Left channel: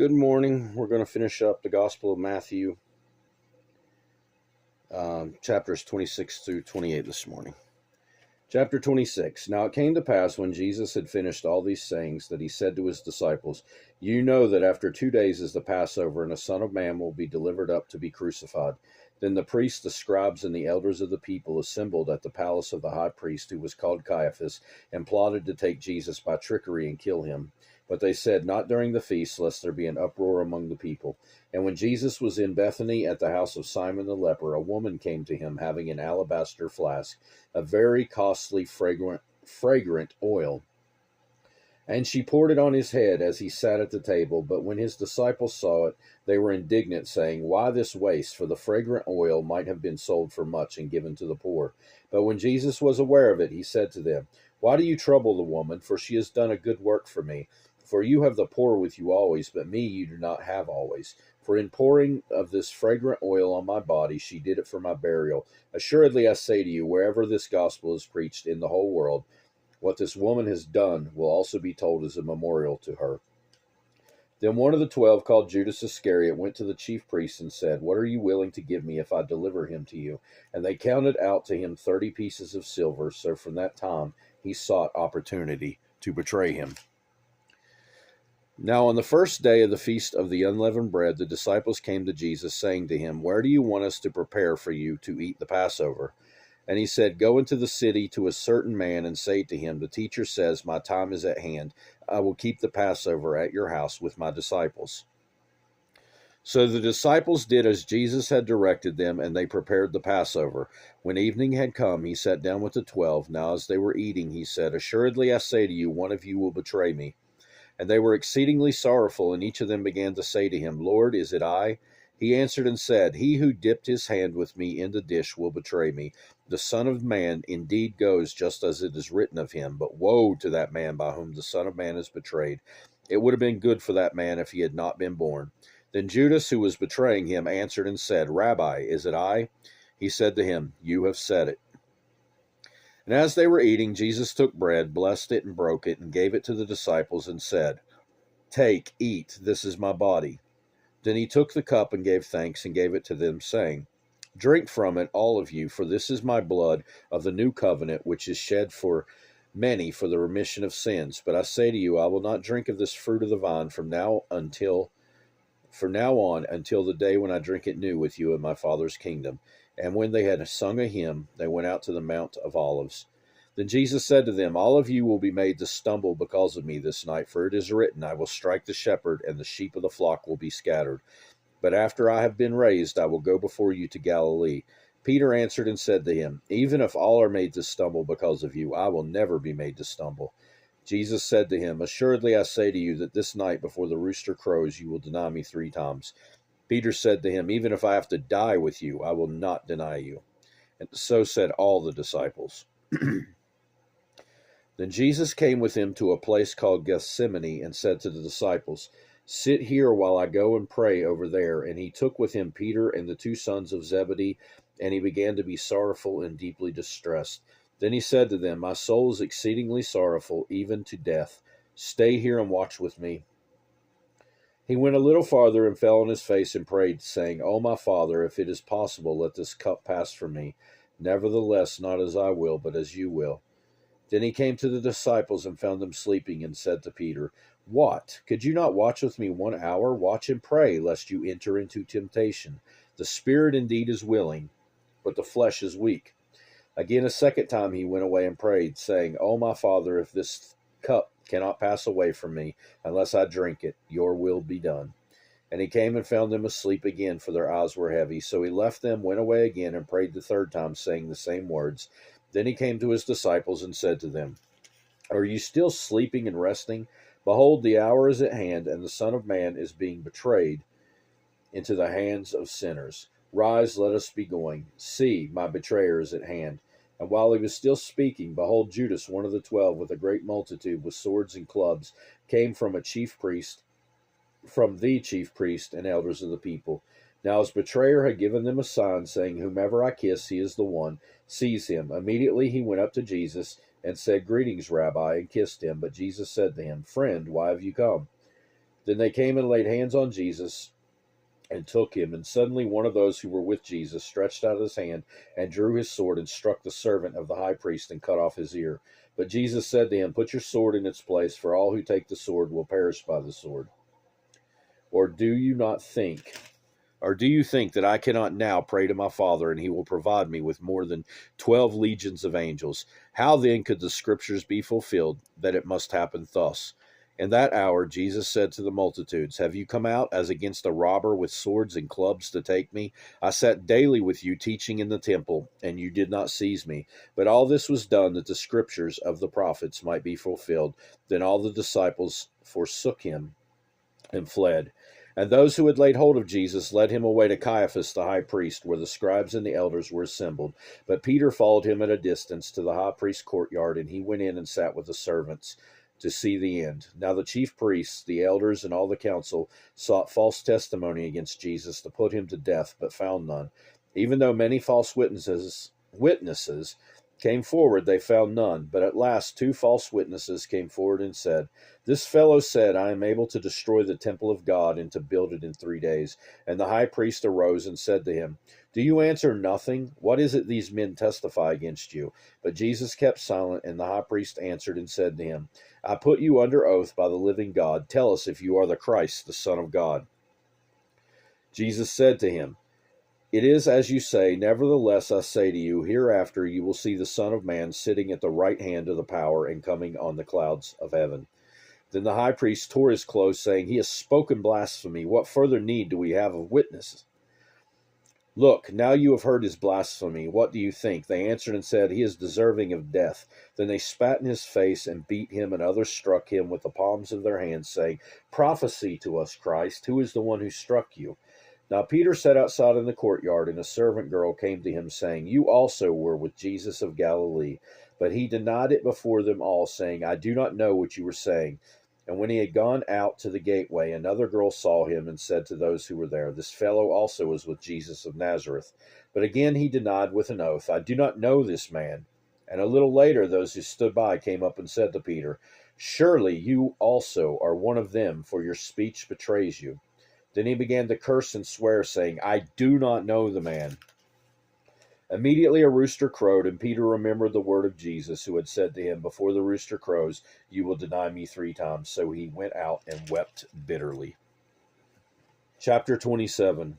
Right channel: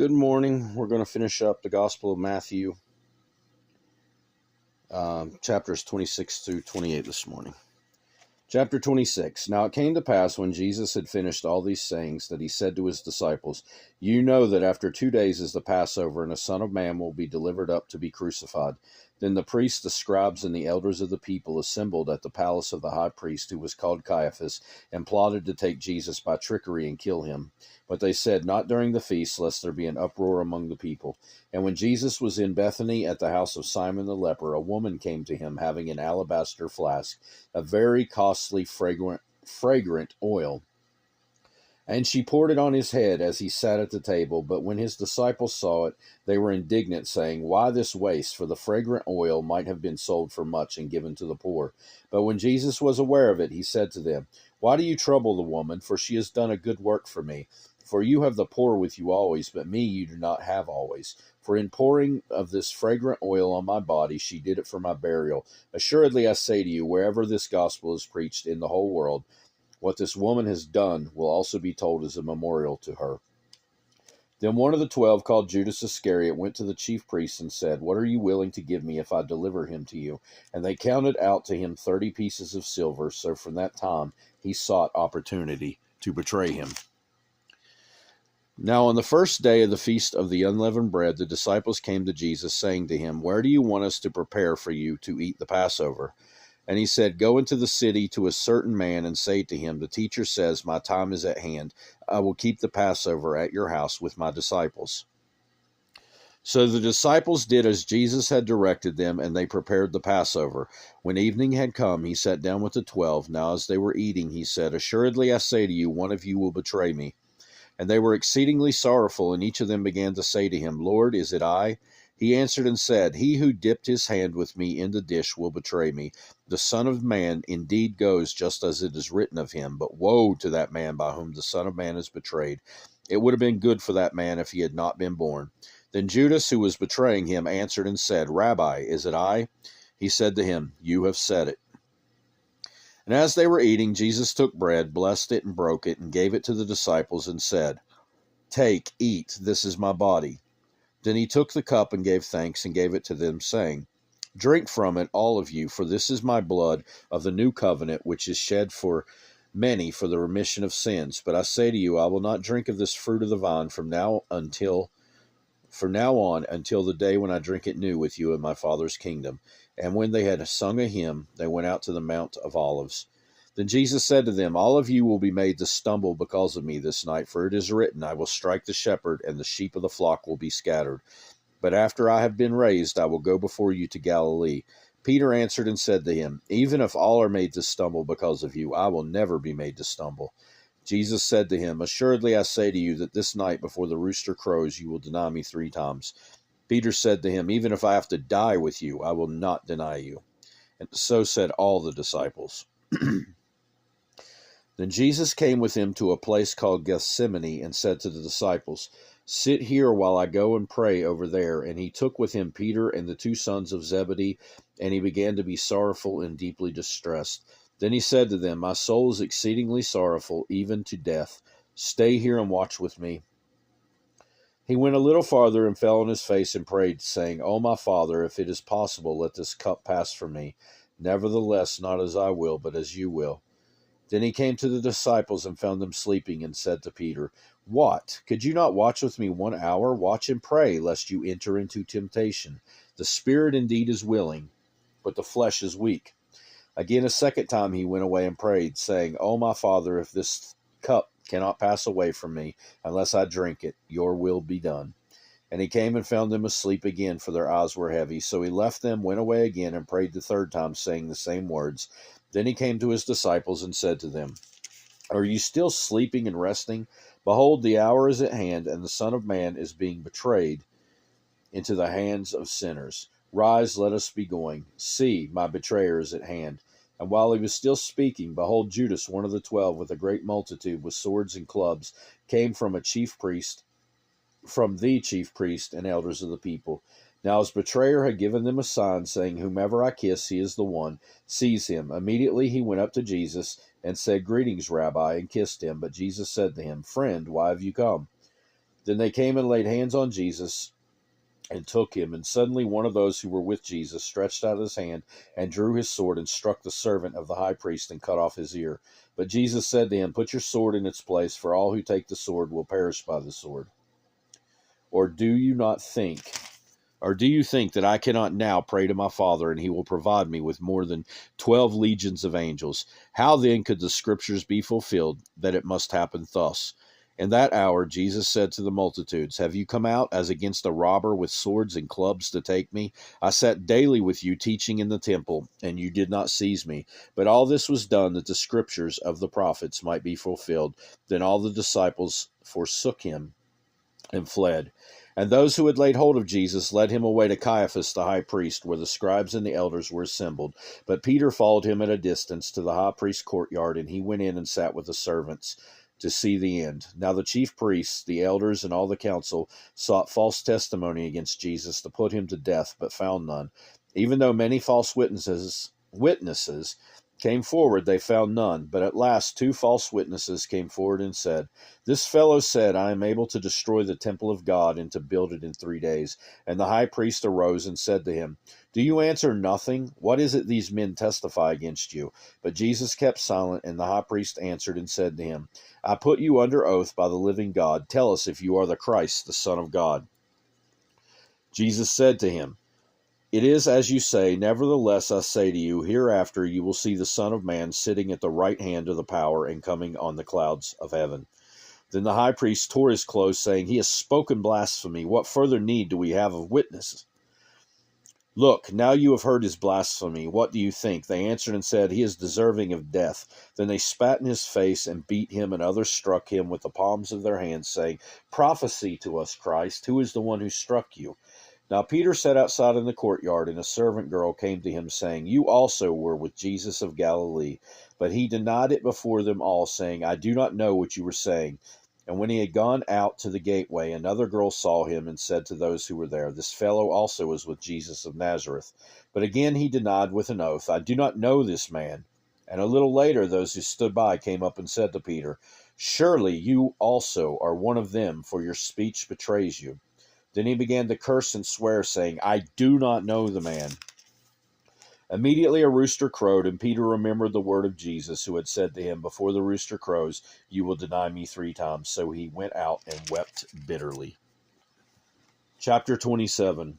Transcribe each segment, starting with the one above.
Good morning. We're going to finish up the Gospel of Matthew, chapters 26 through 28 this morning. Chapter 26. Now it came to pass when Jesus had finished all these sayings that he said to his disciples, You know that after 2 days is the Passover, and the Son of Man will be delivered up to be crucified. Then the priests, the scribes, and the elders of the people assembled at the palace of the high priest, who was called Caiaphas, and plotted to take Jesus by trickery and kill him. But they said, Not during the feast, lest there be an uproar among the people. And when Jesus was in Bethany at the house of Simon the leper, a woman came to him having an alabaster flask, a very costly fragrant oil. And she poured it on his head as he sat at the table. But when his disciples saw it, they were indignant, saying, Why this waste? For the fragrant oil might have been sold for much and given to the poor. But when Jesus was aware of it, he said to them, Why do you trouble the woman? For she has done a good work for me. For you have the poor with you always, but me you do not have always. For in pouring of this fragrant oil on my body, she did it for my burial. Assuredly I say to you, wherever this gospel is preached in the whole world, what this woman has done will also be told as a memorial to her. Then one of the 12, called Judas Iscariot, went to the chief priests and said, What are you willing to give me if I deliver him to you? And they counted out to him 30 pieces of silver. So from that time he sought opportunity to betray him. Now on the first day of the feast of the unleavened bread, the disciples came to Jesus, saying to him, Where do you want us to prepare for you to eat the Passover? And he said, Go into the city to a certain man and say to him, The teacher says, My time is at hand. I will keep the Passover at your house with my disciples. So the disciples did as Jesus had directed them, and they prepared the Passover. When evening had come, he sat down with the 12. Now as they were eating, he said, Assuredly I say to you, one of you will betray me. And they were exceedingly sorrowful, and each of them began to say to him, Lord, is it I? He answered and said, He who dipped his hand with me in the dish will betray me. The Son of Man indeed goes just as it is written of him, but woe to that man by whom the Son of Man is betrayed. It would have been good for that man if he had not been born. Then Judas, who was betraying him, answered and said, Rabbi, is it I? He said to him, You have said it. And as they were eating, Jesus took bread, blessed it, and broke it, and gave it to the disciples, and said, Take, eat, this is my body. Then he took the cup and gave thanks, and gave it to them, saying, Drink from it, all of you, for this is my blood of the new covenant, which is shed for many for the remission of sins. But I say to you, I will not drink of this fruit of the vine from now on until the day when I drink it new with you in my Father's kingdom. And when they had sung a hymn, they went out to the Mount of Olives. Then Jesus said to them, All of you will be made to stumble because of me this night, for it is written, I will strike the shepherd, and the sheep of the flock will be scattered. But after I have been raised, I will go before you to Galilee. Peter answered and said to him, Even if all are made to stumble because of you, I will never be made to stumble. Jesus said to him, Assuredly I say to you that this night before the rooster crows, you will deny me 3 times. Peter said to him, Even if I have to die with you, I will not deny you. And so said all the disciples. Then Jesus came with him to a place called Gethsemane and said to the disciples, Sit here while I go and pray over there. And he took with him Peter and the 2 sons of Zebedee, and he began to be sorrowful and deeply distressed. Then he said to them, My soul is exceedingly sorrowful, even to death. Stay here and watch with me. He went a little farther and fell on his face and prayed, saying, O my Father, if it is possible, let this cup pass from me. Nevertheless, not as I will, but as you will. Then he came to the disciples and found them sleeping, and said to Peter, What? Could you not watch with me 1 hour? Watch and pray, lest you enter into temptation. The spirit indeed is willing, but the flesh is weak. Again, a second time he went away and prayed, saying, O my Father, if this cup cannot pass away from me unless I drink it, your will be done. And he came and found them asleep again, for their eyes were heavy. So he left them, went away again, and prayed the 3rd time, saying the same words. Then he came to his disciples and said to them, Are you still sleeping and resting? Behold, the hour is at hand, and the Son of Man is being betrayed into the hands of sinners. Rise, let us be going. See, my betrayer is at hand. And while he was still speaking, behold, Judas, one of the 12, with a great multitude, with swords and clubs, came from the chief priest and elders of the people. Now his betrayer had given them a sign, saying, Whomever I kiss, he is the one. Seize him. Immediately he went up to Jesus and said, Greetings, Rabbi, and kissed him. But Jesus said to him, Friend, why have you come? Then they came and laid hands on Jesus and took him. And suddenly one of those who were with Jesus stretched out his hand and drew his sword and struck the servant of the high priest and cut off his ear. But Jesus said to him, "Put your sword in its place, for all who take the sword will perish by the sword. Or do you not think, or do you think that I cannot now pray to my Father, and he will provide me with more than 12 legions of angels? How then could the scriptures be fulfilled that it must happen thus?" In that hour Jesus said to the multitudes, "Have you come out as against a robber with swords and clubs to take me? I sat daily with you teaching in the temple, and you did not seize me. But all this was done that the scriptures of the prophets might be fulfilled." Then all the disciples forsook him and fled. And those who had laid hold of Jesus led him away to Caiaphas the high priest, where the scribes and the elders were assembled. But Peter followed him at a distance to the high priest's courtyard, and he went in and sat with the servants to see the end. Now the chief priests, the elders, and all the council sought false testimony against Jesus to put him to death, but found none. Even though many false witnesses came forward, they found none. But at last 2 false witnesses came forward and said, "This fellow said, I am able to destroy the temple of God and to build it in 3 days. And the high priest arose and said to him, "Do you answer nothing? What is it these men testify against you?" But Jesus kept silent, and the high priest answered and said to him, "I put you under oath by the living God. Tell us if you are the Christ, the Son of God." Jesus said to him, "It is as you say. Nevertheless, I say to you, hereafter you will see the Son of Man sitting at the right hand of the power and coming on the clouds of heaven." Then the high priest tore his clothes, saying, "He has spoken blasphemy. What further need do we have of witnesses? Look, now you have heard his blasphemy. What do you think?" They answered and said, "He is deserving of death." Then they spat in his face and beat him, and others struck him with the palms of their hands, saying, "Prophesy to us, Christ. Who is the one who struck you?" Now Peter sat outside in the courtyard, and a servant girl came to him, saying, "You also were with Jesus of Galilee." But he denied it before them all, saying, "I do not know what you were saying." And when he had gone out to the gateway, another girl saw him and said to those who were there, "This fellow also was with Jesus of Nazareth." But again he denied with an oath, "I do not know this man." And a little later those who stood by came up and said to Peter, "Surely you also are one of them, for your speech betrays you." Then he began to curse and swear, saying, "I do not know the man." Immediately a rooster crowed, and Peter remembered the word of Jesus, who had said to him, "Before the rooster crows, you will deny me 3 times." So he went out and wept bitterly. Chapter 27.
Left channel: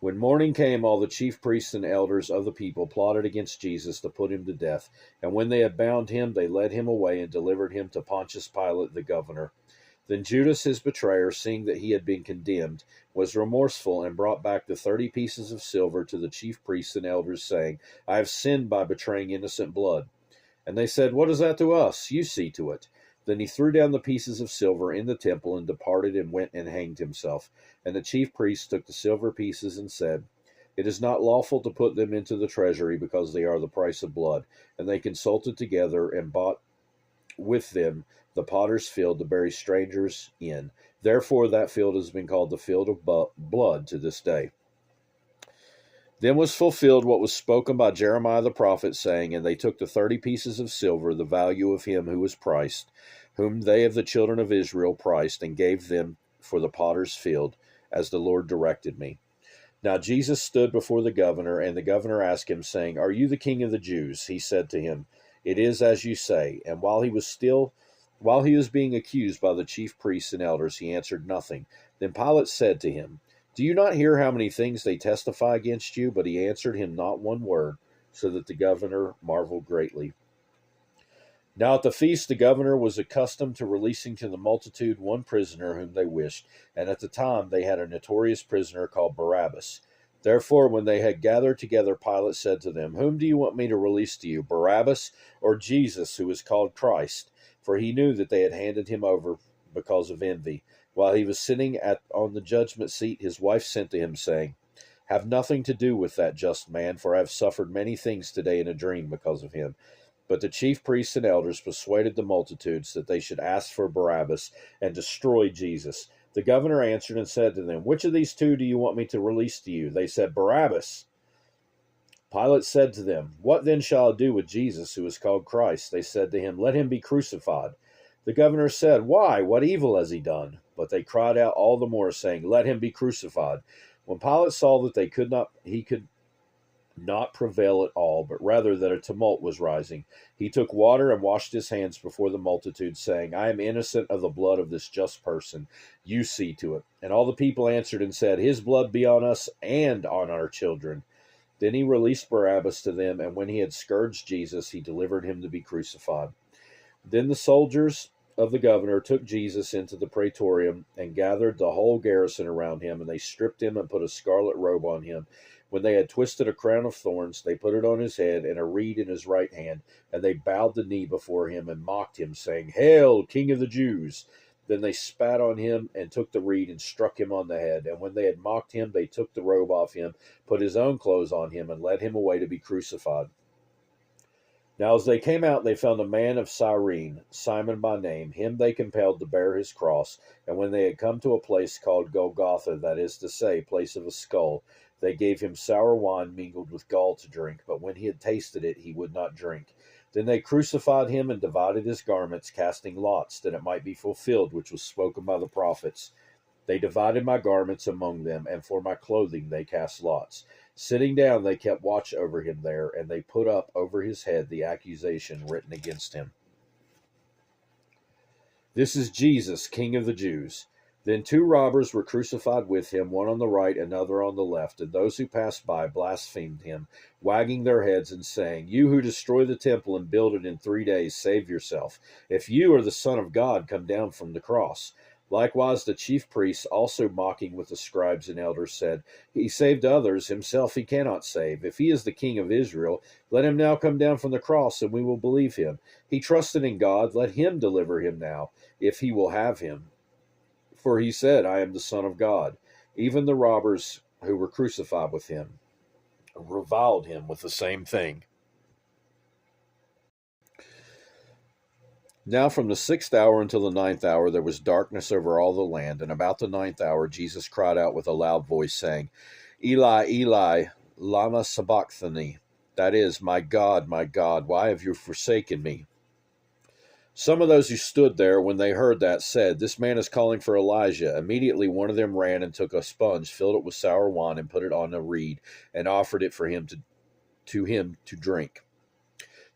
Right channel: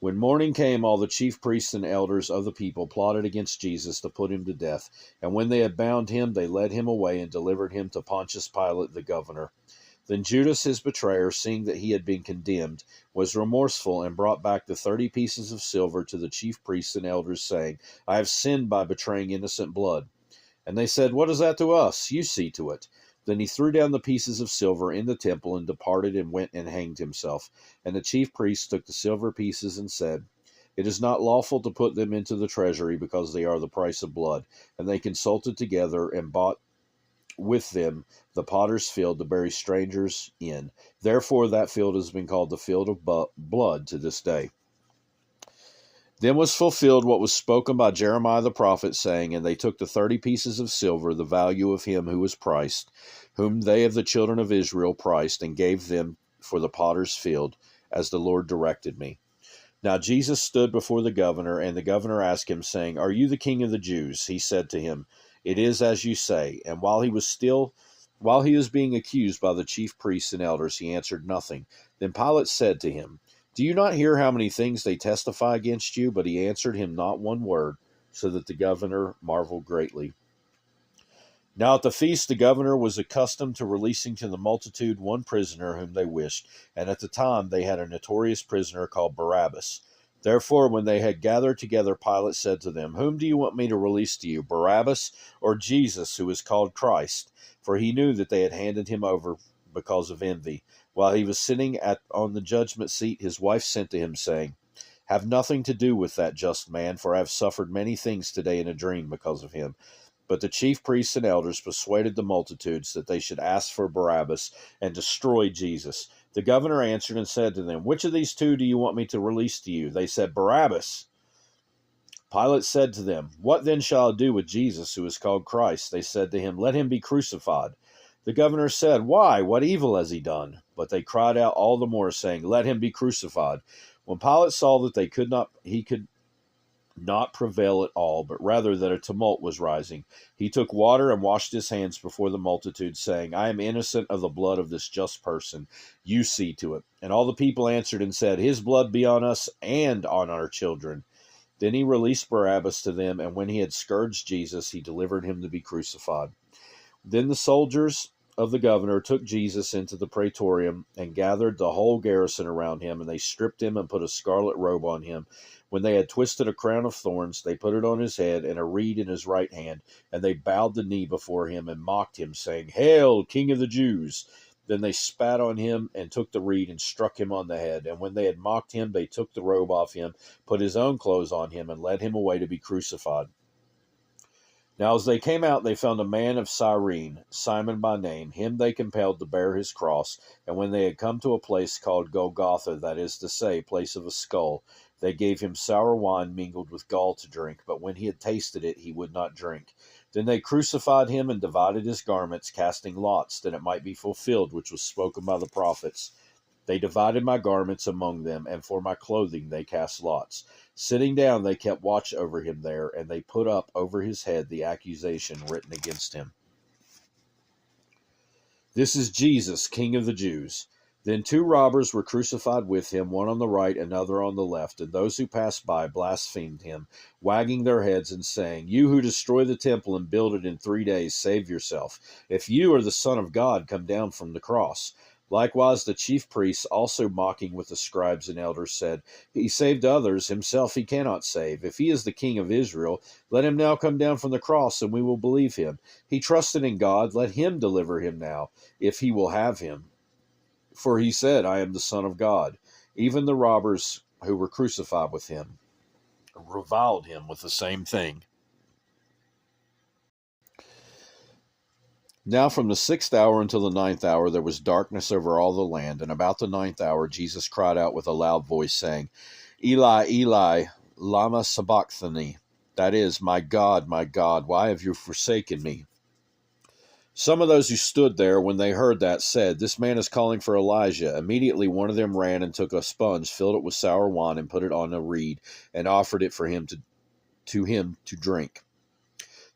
When morning came, all the chief priests and elders of the people plotted against Jesus to put him to death. And when they had bound him, they led him away and delivered him to Pontius Pilate the governor. Then Judas, his betrayer, seeing that he had been condemned, was remorseful and brought back the 30 pieces of silver to the chief priests and elders, saying, "I have sinned by betraying innocent blood." And they said, "What is that to us? You see to it." Then he threw down the pieces of silver in the temple and departed and went and hanged himself. And the chief priests took the silver pieces and said, "It is not lawful to put them into the treasury, because they are the price of blood." And they consulted together and bought with them the potter's field to bury strangers in. Therefore that field has been called the field of blood to this day. Then was fulfilled what was spoken by Jeremiah the prophet, saying, "And they took the 30 pieces of silver, the value of him who was priced, whom they of the children of Israel priced, and gave them for the potter's field, as the Lord directed me." Now Jesus stood before the governor, and the governor asked him, saying, "Are you the king of the Jews?" He said to him, "It is as you say." And while he was being accused by the chief priests and elders, he answered nothing. Then Pilate said to him, "Do you not hear how many things they testify against you?" But he answered him not one word, so that the governor marveled greatly. Now at the feast the governor was accustomed to releasing to the multitude one prisoner whom they wished, and at the time they had a notorious prisoner called Barabbas. Therefore, when they had gathered together, Pilate said to them, "Whom do you want me to release to you, Barabbas or Jesus, who is called Christ?" For he knew that they had handed him over because of envy. While he was sitting on the judgment seat, his wife sent to him, saying, "Have nothing to do with that just man, for I have suffered many things today in a dream because of him." But the chief priests and elders persuaded the multitudes that they should ask for Barabbas and destroy Jesus. The governor answered and said to them, "Which of these 2 do you want me to release to you?" They said, "Barabbas." Pilate said to them, "What then shall I do with Jesus, who is called Christ?" They said to him, "Let him be crucified." The governor said, "Why? What evil has he done?" But they cried out all the more, saying, Let him be crucified. When Pilate saw that he could not prevail at all, but rather that a tumult was rising, he took water and washed his hands before the multitude, saying, I am innocent of the blood of this just person. You see to it. And all the people answered and said, His blood be on us and on our children. Then he released Barabbas to them, and when he had scourged Jesus, he delivered him to be crucified. Then the soldiers of the governor took Jesus into the praetorium and gathered the whole garrison around him, and they stripped him and put a scarlet robe on him. When they had twisted a crown of thorns, they put it on his head and a reed in his right hand, and they bowed the knee before him and mocked him, saying, Hail, King of the Jews! Then they spat on him and took the reed and struck him on the head. And when they had mocked him, they took the robe off him, put his own clothes on him, and led him away to be crucified. Now as they came out, they found a man of Cyrene, Simon by name. Him they compelled to bear his cross. And when they had come to a place called Golgotha, that is to say, place of a skull, they gave him sour wine mingled with gall to drink. But when he had tasted it, he would not drink. Then they crucified him and divided his garments, casting lots, that it might be fulfilled which was spoken by the prophets. They divided my garments among them, and for my clothing they cast lots. Sitting down, they kept watch over him there, and they put up over his head the accusation written against him. This is Jesus, King of the Jews. Then 2 robbers were crucified with him, one on the right, another on the left. And those who passed by blasphemed him, wagging their heads and saying, You who destroy the temple and build it in 3 days, save yourself. If you are the Son of God, come down from the cross. Likewise the chief priests, also mocking with the scribes and elders, said, He saved others, himself he cannot save. If he is the King of Israel, let him now come down from the cross, and we will believe him. He trusted in God, let him deliver him now, if he will have him. For he said, I am the Son of God. Even the robbers who were crucified with him reviled him with the same thing. Now from the 6th hour until the 9th hour there was darkness over all the land, and about the 9th hour Jesus cried out with a loud voice, saying, Eli, Eli, lama sabachthani? That is, my God, why have you forsaken me? Some of those who stood there, when they heard that, said, This man is calling for Elijah. Immediately one of them ran and took a sponge, filled it with sour wine, and put it on a reed, and offered it for him to drink.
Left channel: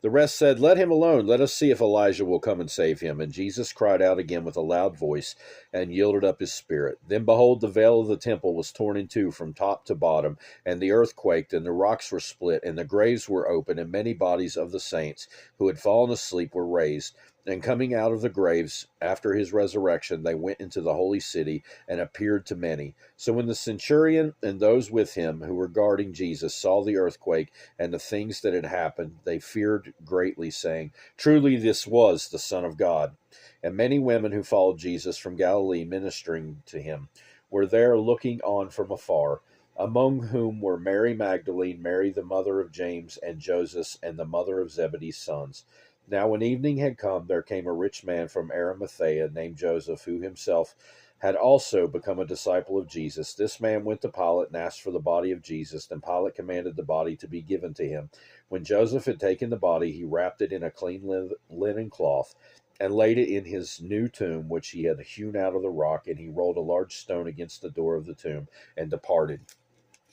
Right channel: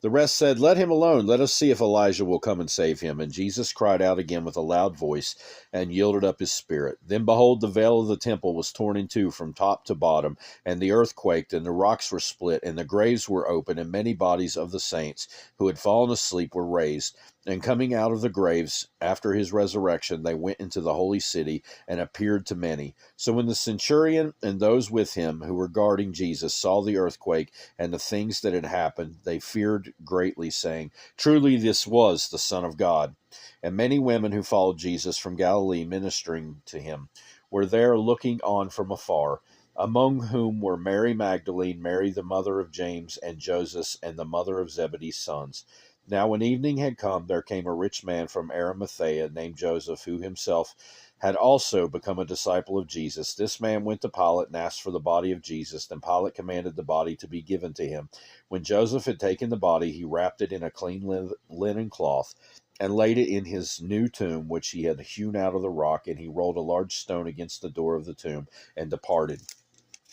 The rest said, Let him alone. Let us see if Elijah will come and save him. And Jesus cried out again with a loud voice, and yielded up his spirit. Then behold, the veil of the temple was torn in two from top to bottom, and the earth quaked, and the rocks were split, and the graves were opened, and many bodies of the saints who had fallen asleep were raised. And coming out of the graves after his resurrection, they went into the holy city and appeared to many. So when the centurion and those with him who were guarding Jesus saw the earthquake and the things that had happened, they feared greatly, saying, Truly this was the Son of God. And many women who followed Jesus from Galilee, ministering to him, were there looking on from afar, among whom were Mary Magdalene, Mary the mother of James and Joseph, and the mother of Zebedee's sons. Now when evening had come, there came a rich man from Arimathea named Joseph, who himself had also become a disciple of Jesus. This man went to Pilate and asked for the body of Jesus. Then Pilate commanded the body to be given to him. When Joseph had taken the body, he wrapped it in a clean linen cloth and laid it in his new tomb, which he had hewn out of the rock, and he rolled a large stone against the door of the tomb and departed.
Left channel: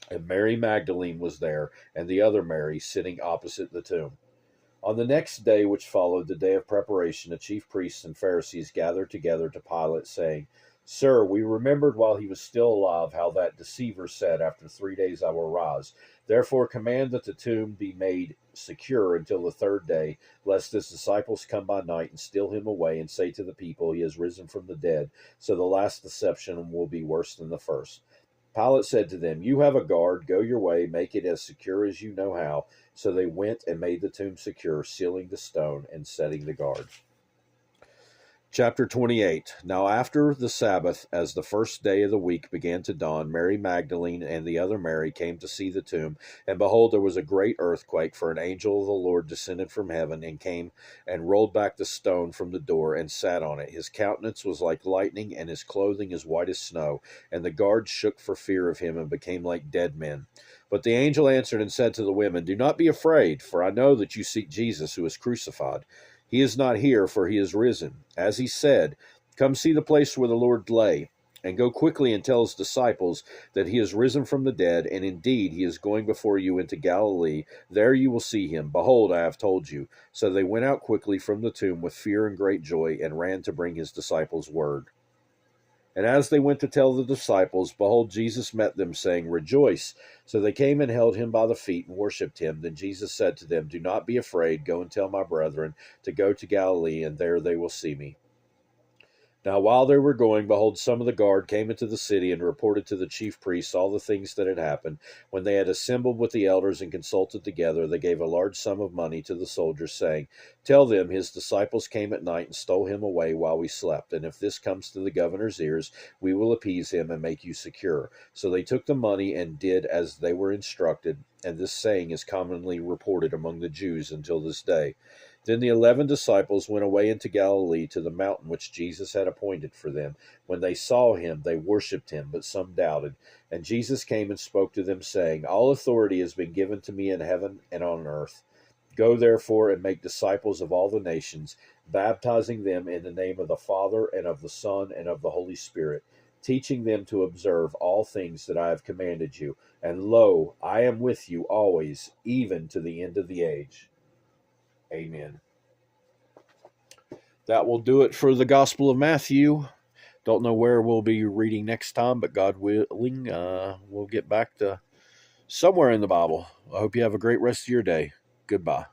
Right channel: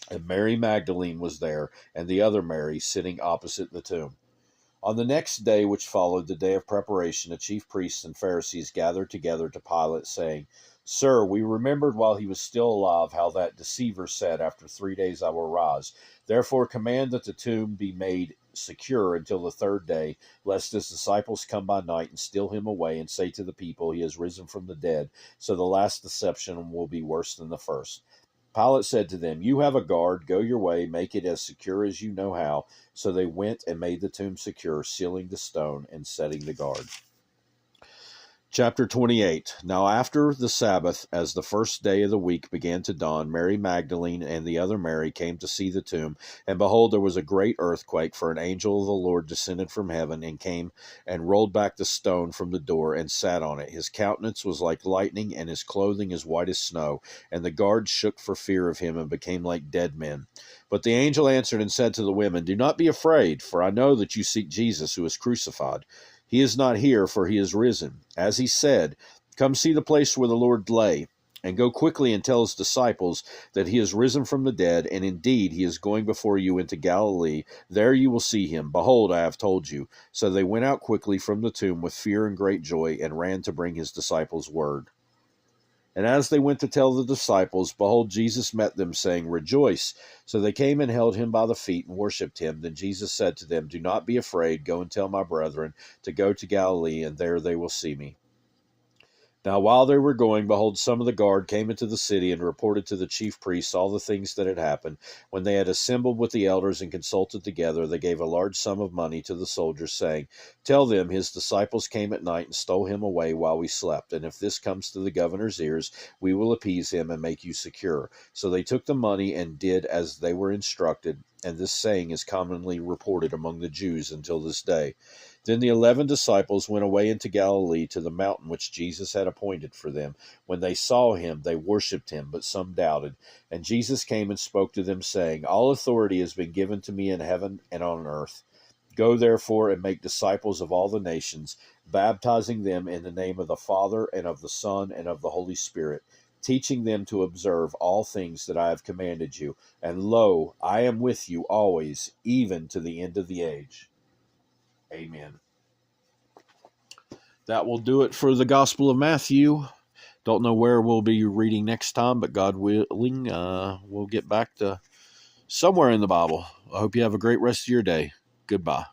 And Mary Magdalene was there, and the other Mary sitting opposite the tomb. On the next day which followed, the day of preparation, the chief priests and Pharisees gathered together to Pilate, saying, Sir, we remembered while he was still alive how that deceiver said, After 3 days I will rise. Therefore command that the tomb be made secure until the 3rd day, lest his disciples come by night and steal him away and say to the people, He has risen from the dead. So the last deception will be worse than the first. Pilate said to them, You have a guard, go your way, make it as secure as you know how. So they went and made the tomb secure, sealing the stone and setting the guard. Chapter 28. Now after the Sabbath, as the first day of the week began to dawn, Mary Magdalene and the other Mary came to see the tomb. And behold, there was a great earthquake, for an angel of the Lord descended from heaven and came and rolled back the stone from the door and sat on it. His countenance was like lightning, and his clothing as white as snow. And the guards shook for fear of him and became like dead men. But the angel answered and said to the women, Do not be afraid, for I know that you seek Jesus who is crucified. He is not here, for he is risen. As he said, Come see the place where the Lord lay, and go quickly and tell his disciples that he is risen from the dead, and indeed he is going before you into Galilee. There you will see him. Behold, I have told you." So they went out quickly from the tomb with fear and great joy, and ran to bring his disciples word. And as they went to tell the disciples, behold, Jesus met them, saying, "Rejoice." So they came and held him by the feet and worshipped him. Then Jesus said to them, "Do not be afraid. Go and tell my brethren to go to Galilee, and there they will see me." Now, while they were going, behold, some of the guard came into the city and reported to the chief priests all the things that had happened. When they had assembled with the elders and consulted together, they gave a large sum of money to the soldiers, saying, "Tell them his disciples came at night and stole him away while we slept. And if this comes to the governor's ears, we will appease him and make you secure." So they took the money and did as they were instructed. And this saying is commonly reported among the Jews until this day. Then the 11 disciples went away into Galilee to the mountain which Jesus had appointed for them. When they saw him, they worshipped him, but some doubted. And Jesus came and spoke to them, saying, "All authority has been given to me in heaven and on earth. Go therefore and make disciples of all the nations, baptizing them in the name of the Father and of the Son and of the Holy Spirit, teaching them to observe all things that I have commanded you. And lo, I am with you always, even to the end of the age." Amen. That will do it for the Gospel of Matthew. Don't know where we'll be reading next time, but God willing, we'll get back to somewhere in the Bible. I hope you have a great rest of your day. Goodbye.